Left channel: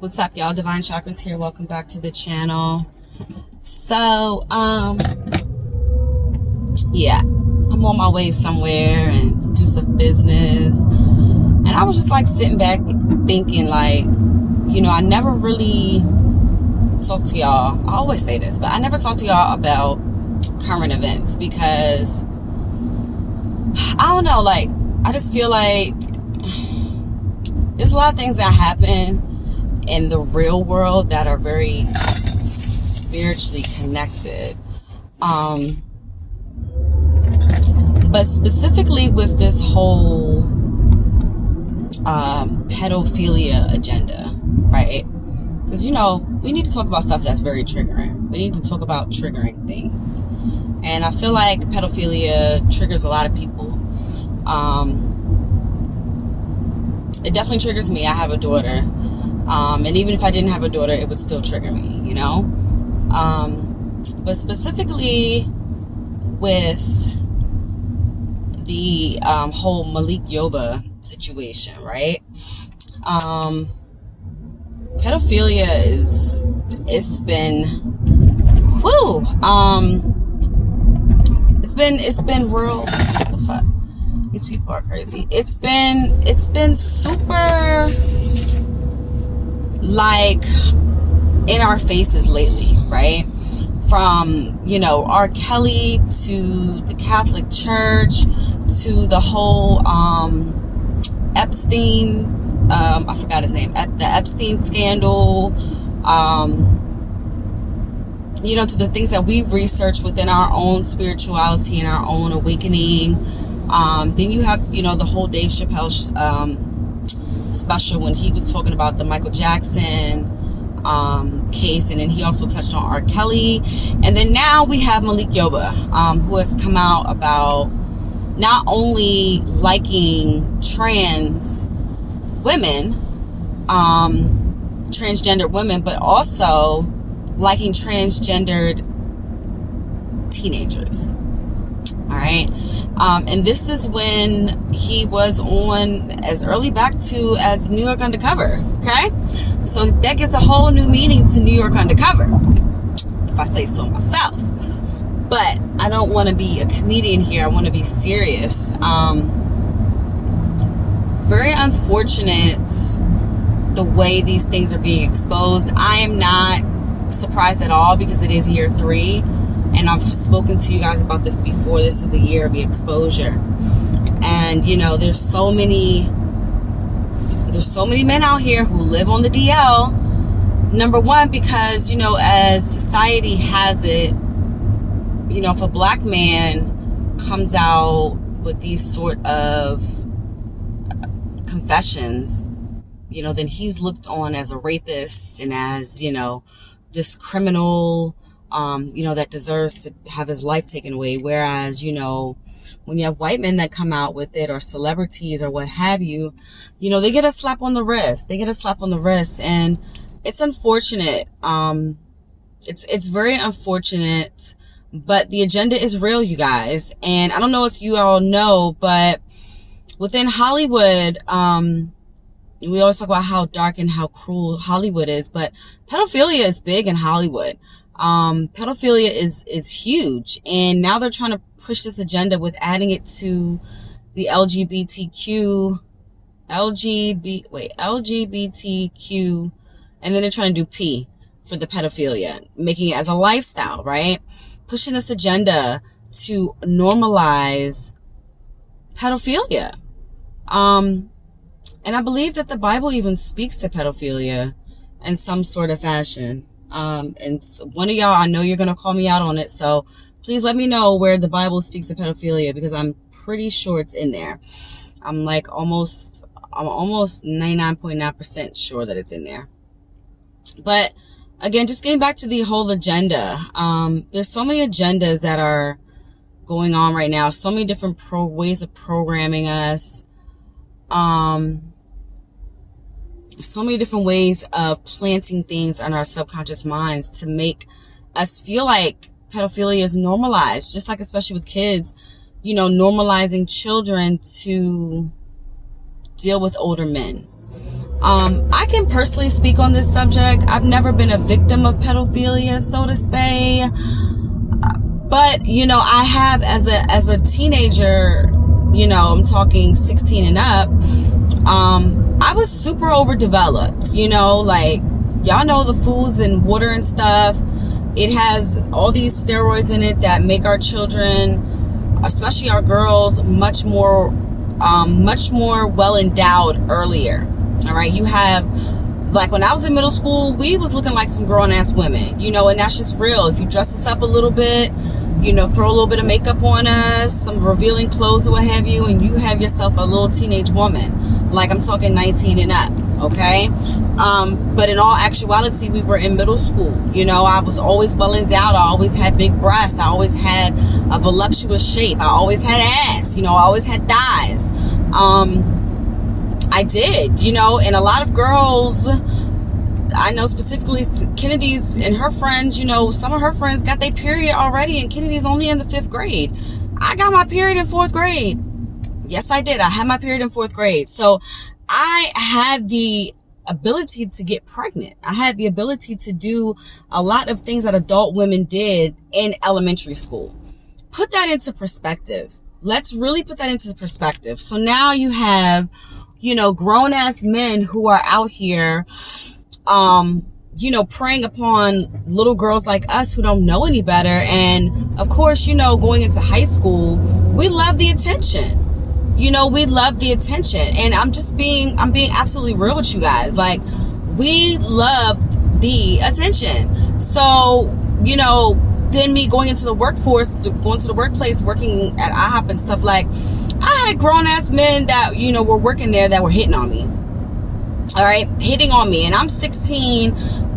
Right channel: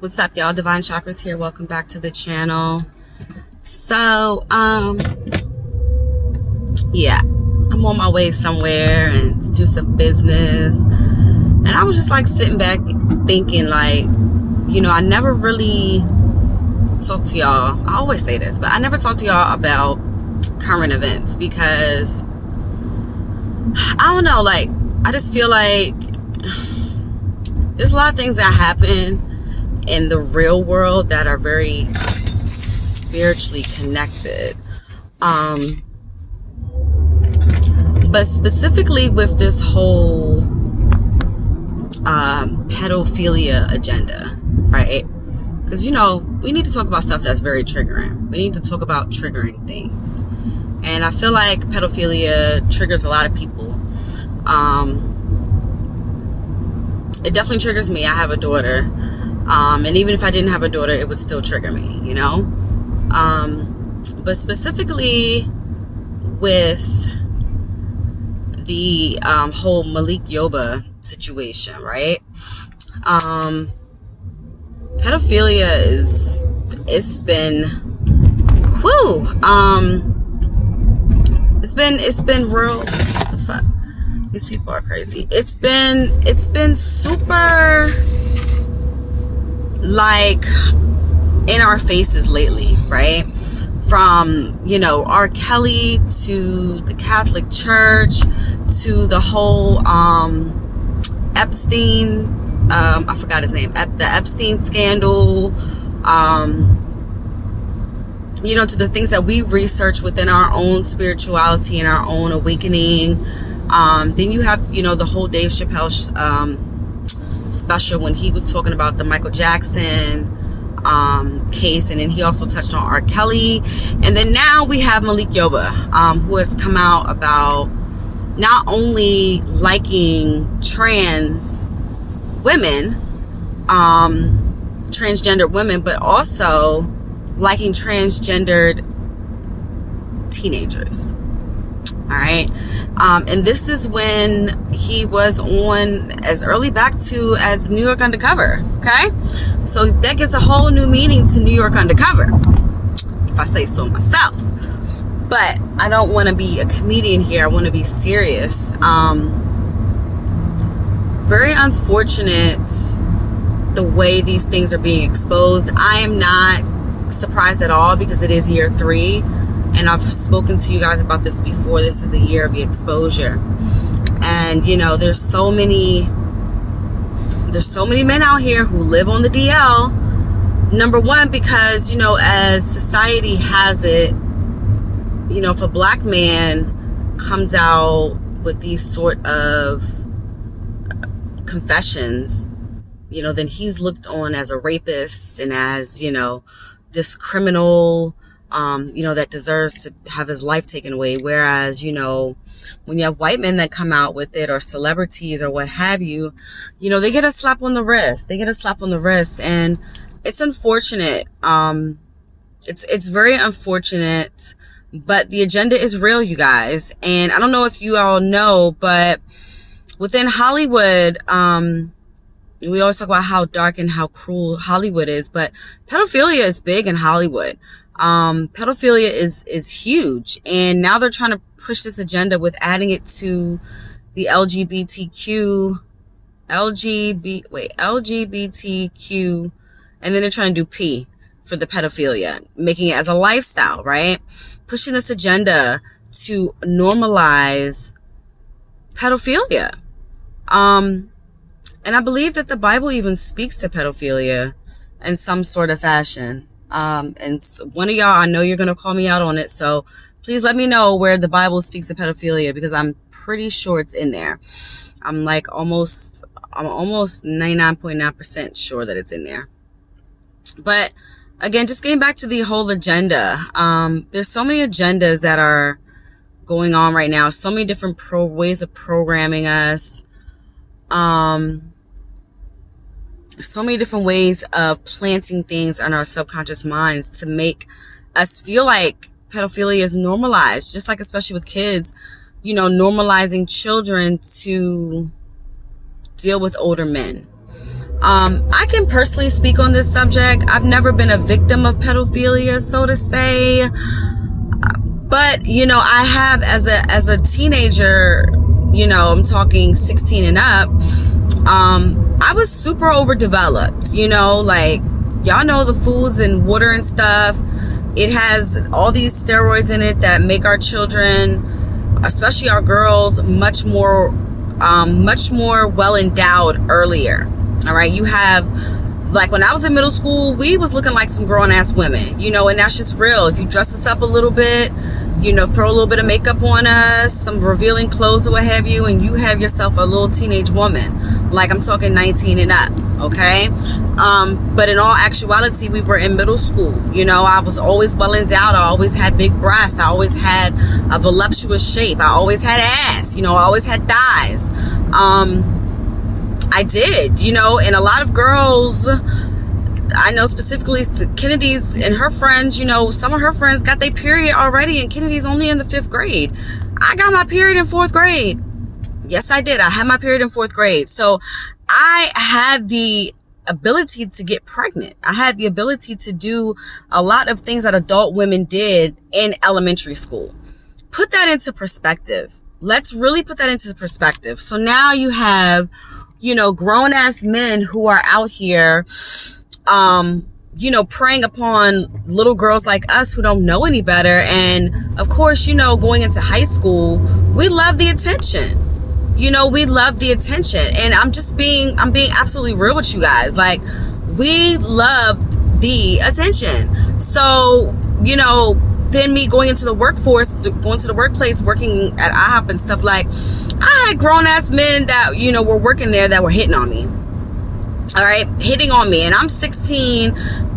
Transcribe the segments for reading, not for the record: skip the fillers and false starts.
What's up, y'all? Divine Chakras here. Welcome back to the channel. So, yeah, I'm on my way somewhere and to do some business. And I was just like sitting back thinking like, you know, I never really talk to y'all. I always say this, but I never talk to y'all about current events because I don't know, like, I just feel like there's a lot of things that happen in the real world that are very spiritually connected. But specifically with this whole pedophilia agenda, right? Because, you know, we need to talk about stuff that's very triggering. We need to talk about triggering things. And I feel like pedophilia triggers a lot of people. It definitely triggers me. I have a daughter. And even if I didn't have a daughter, it would still trigger me, you know? But specifically with the whole Lgbqtp situation, right? Pedophilia it's been real. What the fuck? These people are crazy. It's been super like in our faces lately, right? From, you know, R. Kelly to the Catholic Church to the whole Epstein, I forgot his name, the Epstein scandal, you know, to the things that we research within our own spirituality and our own awakening. Then you have, you know, the whole Dave Chappelle special when he was talking about the Michael Jackson case, and then he also touched on R. Kelly, and then now we have Lgbqtp, who has come out about not only liking trans women, transgendered women, but also liking transgendered teenagers. All right. And this is when he was on as early back to as New York Undercover. Okay. So that gives a whole new meaning to New York Undercover, if I say so myself. But I don't want to be a comedian here. I want to be serious. Very unfortunate the way these things are being exposed. I am not surprised at all because it is year 3. And I've spoken to you guys about this before. This is the year of the exposure. And, you know, there's so many men out here who live on the DL. Number one, because, you know, as society has it, you know, if a black man comes out with these sort of confessions, you know, then he's looked on as a rapist and as, you know, this criminal, you know, that deserves to have his life taken away. Whereas, you know, when you have white men that come out with it, or celebrities or what have you, you know, they get a slap on the wrist. They get a slap on the wrist. And it's unfortunate. It's very unfortunate, but the agenda is real, you guys. And I don't know if you all know, but within Hollywood, we always talk about how dark and how cruel Hollywood is, but pedophilia is big in Hollywood. Pedophilia is huge, and now they're trying to push this agenda with adding it to the LGBTQ, and then they're trying to do P for the pedophilia, making it as a lifestyle, right? Pushing this agenda to normalize pedophilia. And I believe that the Bible even speaks to pedophilia in some sort of fashion. And one of y'all, I know you're going to call me out on it. So please let me know where the Bible speaks to pedophilia, because I'm pretty sure it's in there. I'm almost 99.9% sure that it's in there. But again, just getting back to the whole agenda. There's so many agendas that are going on right now. So many different ways of programming us. So many different ways of planting things in our subconscious minds to make us feel like pedophilia is normalized, just like, especially with kids, you know, normalizing children to deal with older men. I can personally speak on this subject. I've never been a victim of pedophilia, so to say. But, you know, I have as a teenager, you know, I'm talking 16 and up, I was super overdeveloped, you know, like, y'all know the foods and water and stuff. It has all these steroids in it that make our children, especially our girls, much more well endowed earlier. All right. You have, like, when I was in middle school, we was looking like some grown ass women, you know, and that's just real. If you dress us up a little bit, you know, throw a little bit of makeup on us, some revealing clothes or what have you, and you have yourself a little teenage woman. Like, I'm talking 19 and up, okay? But in all actuality, we were in middle school. You know, I was always well endowed. I always had big breasts. I always had a voluptuous shape. I always had ass. You know, I always had thighs. I did, you know, and a lot of girls, I know specifically Kennedy's and her friends, you know, some of her friends got their period already, and Kennedy's only in the 5th grade. I got my period in 4th grade. Yes, I did. I had my period in 4th grade. So I had the ability to get pregnant. I had the ability to do a lot of things that adult women did in elementary school. Put that into perspective. Let's really put that into perspective. So now you have, you know, grown ass men who are out here, you know, preying upon little girls like us who don't know any better. And of course, you know, going into high school, we love the attention. You know, we love the attention. And I'm being absolutely real with you guys. Like, we love the attention. So, you know, then me going into the workforce, going to the workplace, working at IHOP and stuff, like, I had grown ass men that, you know, were working there that were hitting on me. All right, hitting on me, and I'm 16,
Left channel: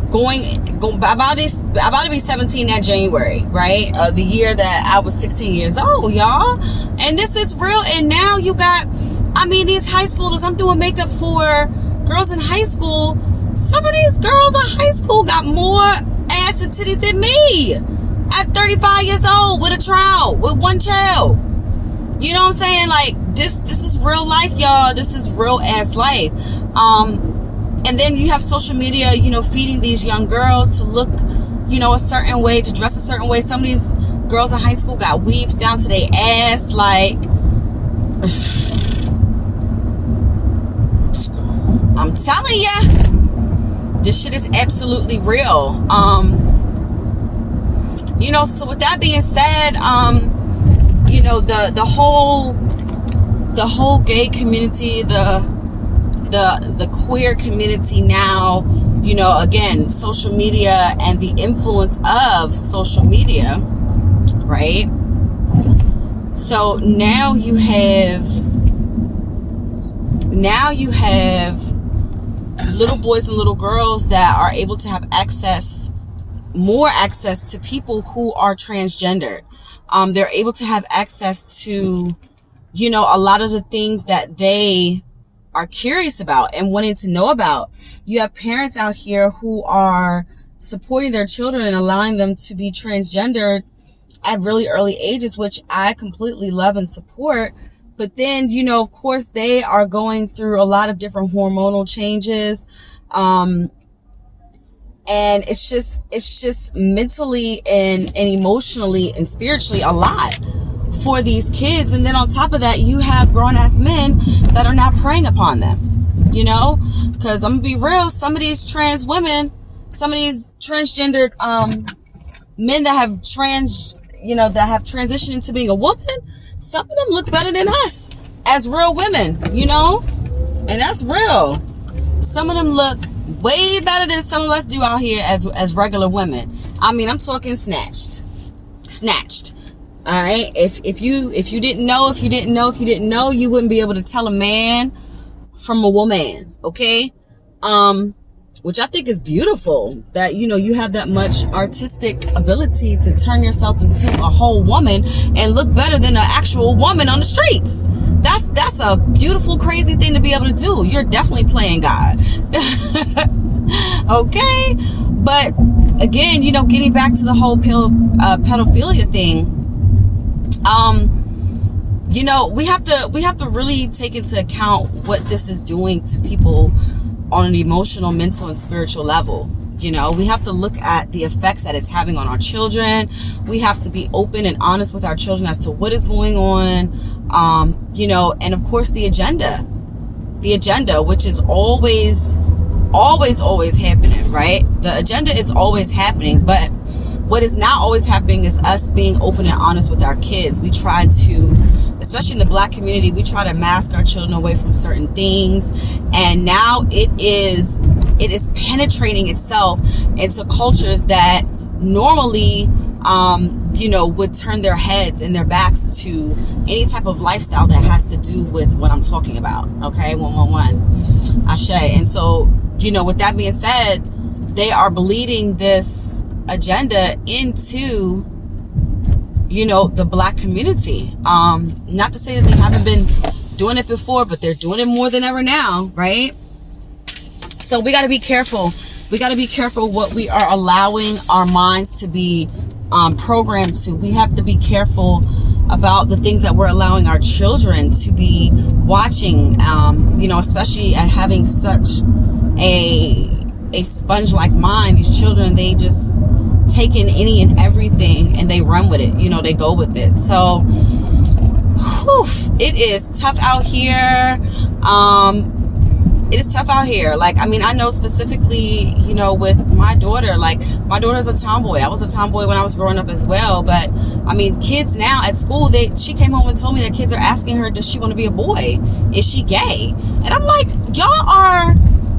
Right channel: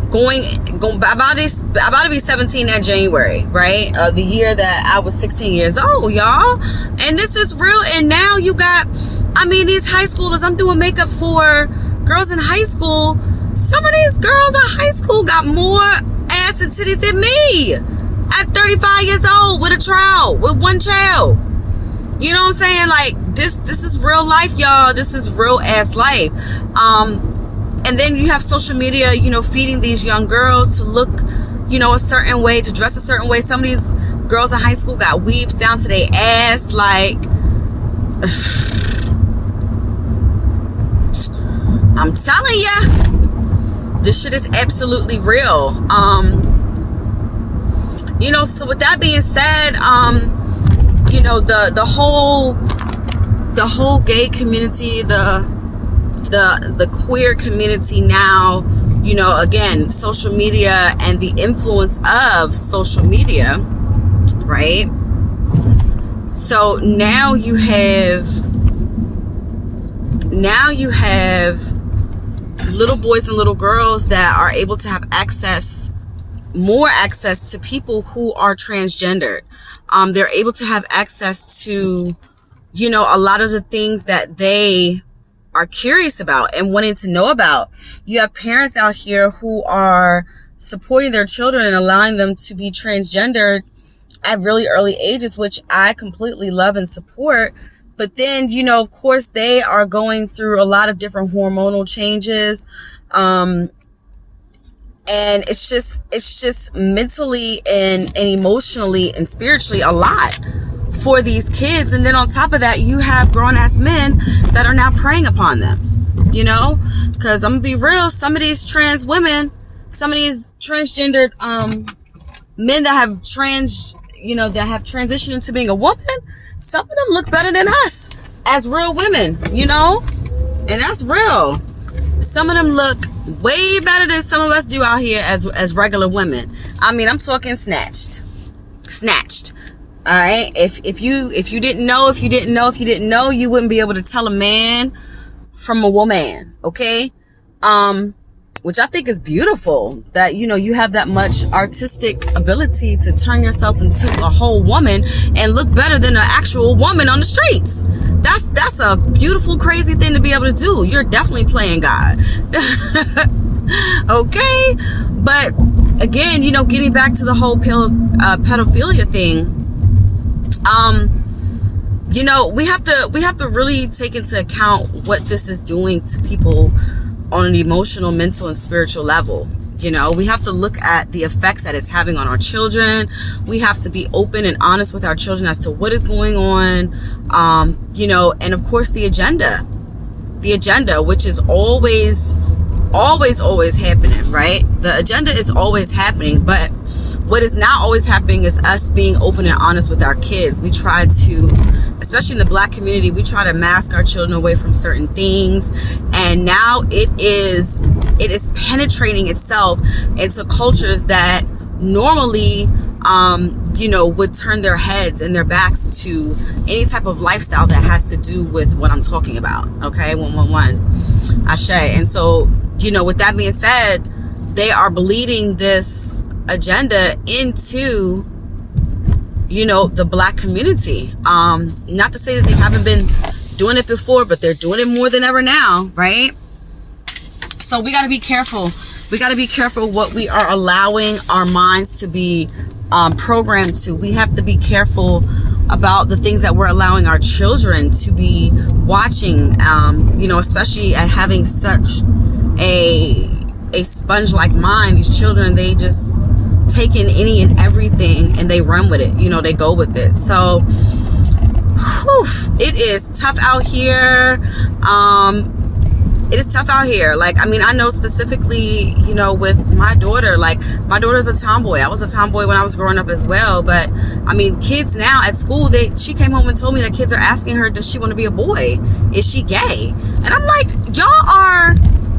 going about to be 17 that January, right? The year that I was 16 years old, y'all. And this is real. And now you got, I mean, these high schoolers. I'm doing makeup for girls in high school. Some of these girls in high school got more ass and titties than me at 35 years old with a child, with one child. You know what I'm saying? Like, this is real life, y'all. This is real ass life. And then you have social media, you know, feeding these young girls to look, you know, a certain way, to dress a certain way. Some of these girls in high school got weaves down to their ass. Like, I'm telling ya, this shit is absolutely real. You know, so with that being said, you know, the whole gay community, the queer community now, you know, again, social media and the influence of social media, right? So now you have little boys and little girls that are able to have more access to people who are transgendered. They're able to have access to, you know, a lot of the things that they are curious about and wanting to know about. You have parents out here who are supporting their children and allowing them to be transgendered at really early ages, which I completely love and support. But then, you know, of course, they are going through a lot of different hormonal changes. And it's just mentally and emotionally and spiritually a lot for these kids. And then on top of that, you have grown ass men that are now preying upon them, you know, because I'm gonna be real. Some of these trans women, some of these transgendered, men that have that have transitioned into being a woman, some of them look better than us as real women, you know, and that's real. Some of them look way better than some of us do out here as regular women. I mean, I'm talking snatched. All right. If you didn't know, you wouldn't be able to tell a man from a woman. Okay. Which I think is beautiful that, you know, you have that much artistic ability to turn yourself into a whole woman and look better than an actual woman on the streets. That's a beautiful, crazy thing to be able to do. You're definitely playing God. Okay. But again, you know, getting back to the whole pedophilia thing, you know, we have to really take into account what this is doing to people on an emotional, mental, and spiritual level. You know, we have to look at the effects that it's having on our children. We have to be open and honest with our children as to what is going on. You know, and of course the agenda, which is always happening, right? The agenda is always happening, but what is not always happening is us being open and honest with our kids. We try to, especially in the Black community, we try to mask our children away from certain things, and now it is penetrating itself into cultures that normally you know, would turn their heads and their backs to any type of lifestyle that has to do with what I'm talking about. Okay, 111 Ashe. And so, you know, with that being said, they are bleeding this agenda into, you know, the Black community. Not to say that they haven't been doing it before, but they're doing it more than ever now, right? So we got to be careful. We got to be careful what we are allowing our minds to be programmed to. We have to be careful about the things that we're allowing our children to be watching, you know, especially at having such a sponge-like mind. These children, they just take in any and everything and they run with it. You know, they go with it. So, whew, it is tough out here. It is tough out here. Like, I mean, I know specifically, you know, with my daughter, like, my daughter's a tomboy. I was a tomboy when I was growing up as well. But, I mean, kids now at school, she came home and told me that kids are asking her, does she want to be a boy? Is she gay? And I'm like, y'all are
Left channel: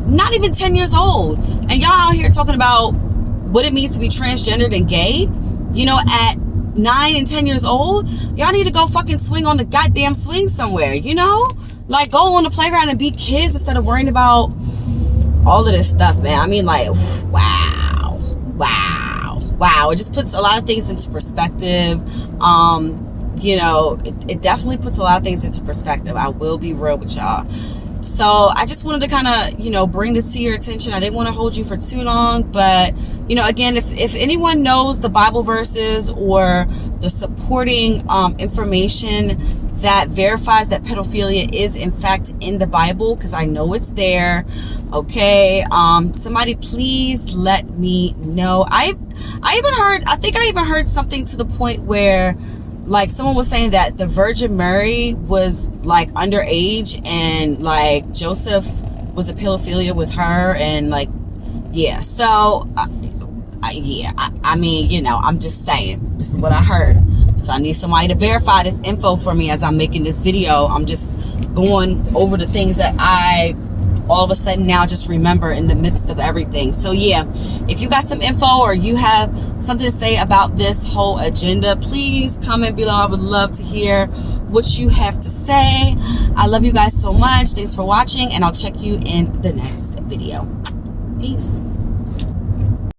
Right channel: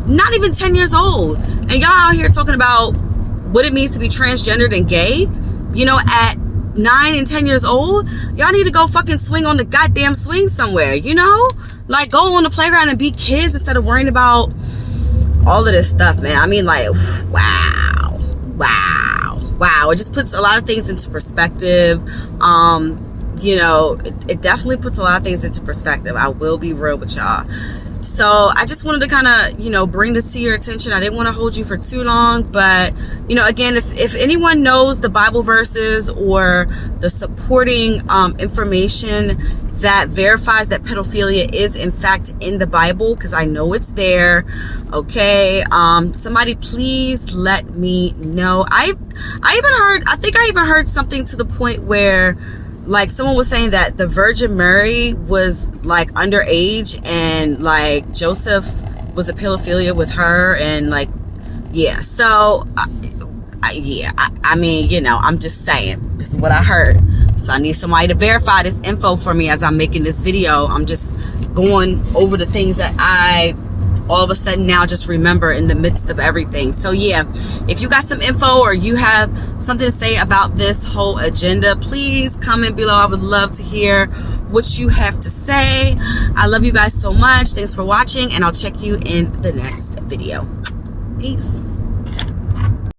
not even 10 years old. And y'all out here talking about what it means to be transgendered and gay, you know, at 9 and 10 years old. Y'all need to go fucking swing on the goddamn swing somewhere, you know? Like, go on the playground and be kids instead of worrying about all of this stuff, man. I mean, like, wow. It just puts a lot of things into perspective. You know, it definitely puts a lot of things into perspective. I will be real with y'all. So I just wanted to kind of, you know, bring this to your attention. I didn't want to hold you for too long, but, you know, again, if anyone knows the Bible verses or the supporting information that verifies that pedophilia is in fact in the Bible, because I know it's there, okay, somebody please let me know. I think I even heard something to the point where, like, someone was saying that the Virgin Mary was like underage and like Joseph was a pedophilia with her, and like, yeah. So I mean, you know, I'm just saying, this is what I heard. So I need somebody to verify this info for me as I'm making this video. I'm just going over the things that I all of a sudden now just remember in the midst of everything. So yeah, if you got some info or you have something to say about this whole agenda, please comment below. I would love to hear what you have to say. I love you guys so much. Thanks for watching, and I'll check you in the next video. Peace.